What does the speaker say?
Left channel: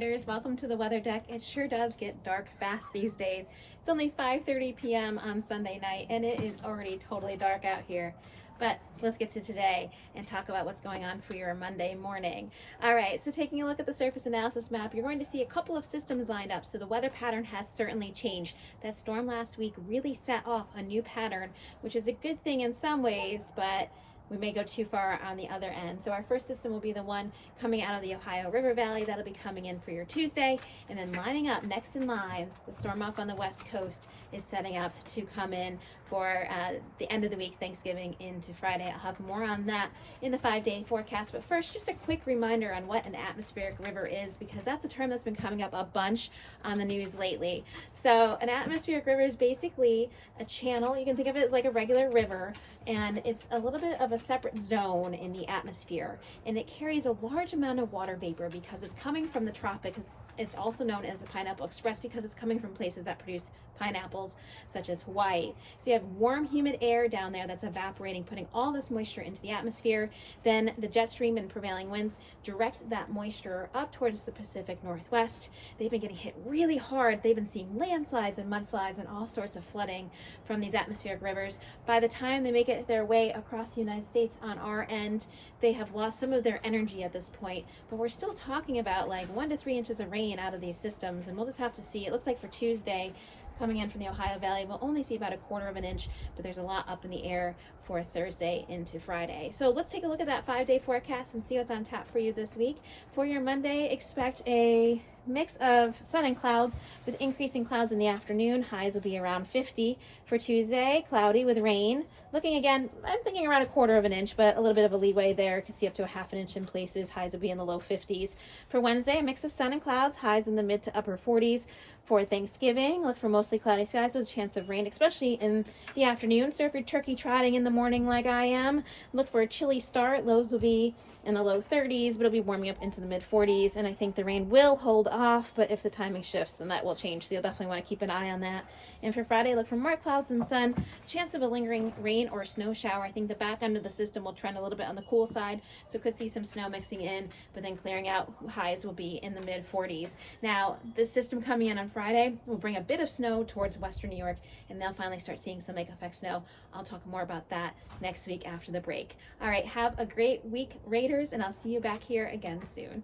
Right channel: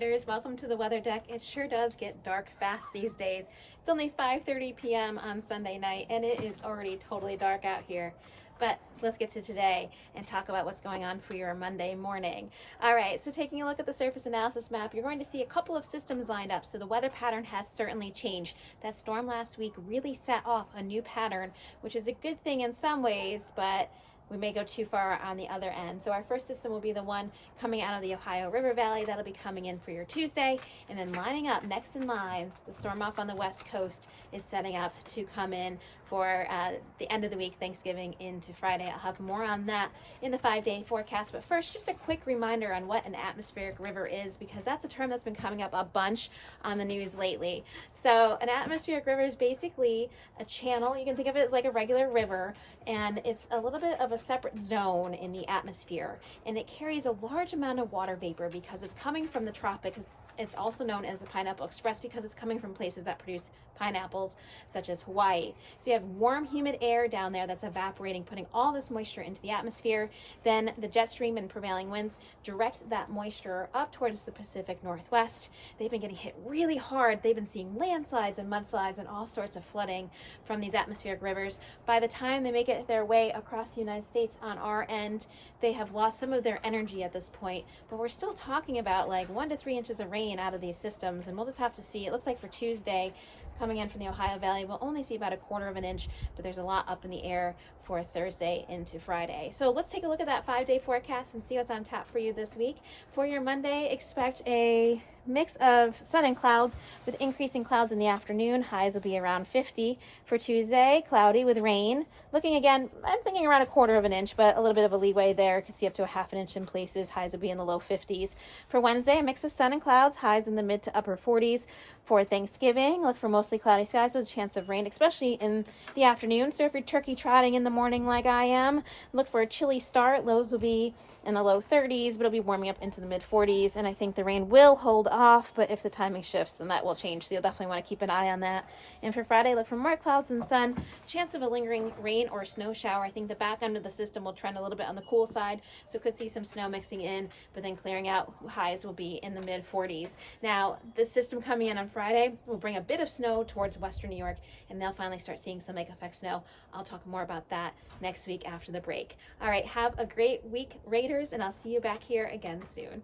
Raiders, welcome to the weather deck. It sure does get dark fast these days. It's only 5:30 p.m. on Sunday night and it is already totally dark out here. But let's get to today and talk about what's going on for your Monday morning. All right, so taking a look at the surface analysis map, you're going to see a couple of systems lined up. So the weather pattern has certainly changed. That storm last week really set off a new pattern, which is a good thing in some ways, but we may go too far on the other end. So our first system will be the one coming out of the Ohio River Valley. That'll be coming in for your Tuesday. And then lining up next in line, the storm off on the west coast is setting up to come in for the end of the week, Thanksgiving into Friday. I'll have more on that in the 5-day forecast. But first, just a quick reminder on what an atmospheric river is, because that's a term that's been coming up a bunch on the news lately. So an atmospheric river is basically a channel. You can think of it as like a regular river, and it's a little bit of a separate zone in the atmosphere. And it carries a large amount of water vapor because it's coming from the tropics. It's also known as the Pineapple Express because it's coming from places that produce pineapples, such as Hawaii. So you have warm, humid air down there that's evaporating, putting all this moisture into the atmosphere. Then the jet stream and prevailing winds direct that moisture up towards the Pacific Northwest. They've been getting hit really hard. They've been seeing landslides and mudslides and all sorts of flooding from these atmospheric rivers. By the time they make it their way across the United States on our end, they have lost some of their energy at this point, but we're still talking about like 1 to 3 inches of rain out of these systems, and we'll just have to see. It looks like for Tuesday, coming in from the Ohio Valley, we'll only see about 1/4 of an inch, but there's a lot up in the air for Thursday into Friday. So let's take a look at that 5-day forecast and see what's on tap for you this week. For your Monday, expect a mix of sun and clouds with increasing clouds in the afternoon. Highs will be around 50. For Tuesday, cloudy with rain. Looking again, I'm thinking around 1/4 of an inch, but a little bit of a leeway there. Could see up to 1/2 an inch in places. Highs will be in the low 50s. For Wednesday, a mix of sun and clouds. Highs in the mid to upper 40s. For Thanksgiving, look for mostly cloudy skies with a chance of rain, especially in the afternoon. So if you're turkey trotting in the morning like I am, look for a chilly start. Lows will be in the low 30s, but it'll be warming up into the mid 40s. And I think the rain will hold off, but if the timing shifts, then that will change. So you'll definitely want to keep an eye on that. And for Friday, look for more clouds and sun. Chance of a lingering rain or snow shower. I think the back end of the system will trend a little bit on the cool side, so could see some snow mixing in, but then clearing out. Highs will be in the mid 40s. Now, this system coming in on Friday will bring a bit of snow towards western New York, and they'll finally start seeing some lake effect snow. I'll talk more about that next week after the break. All right, have a great week, Raiders, and I'll see you back here again soon.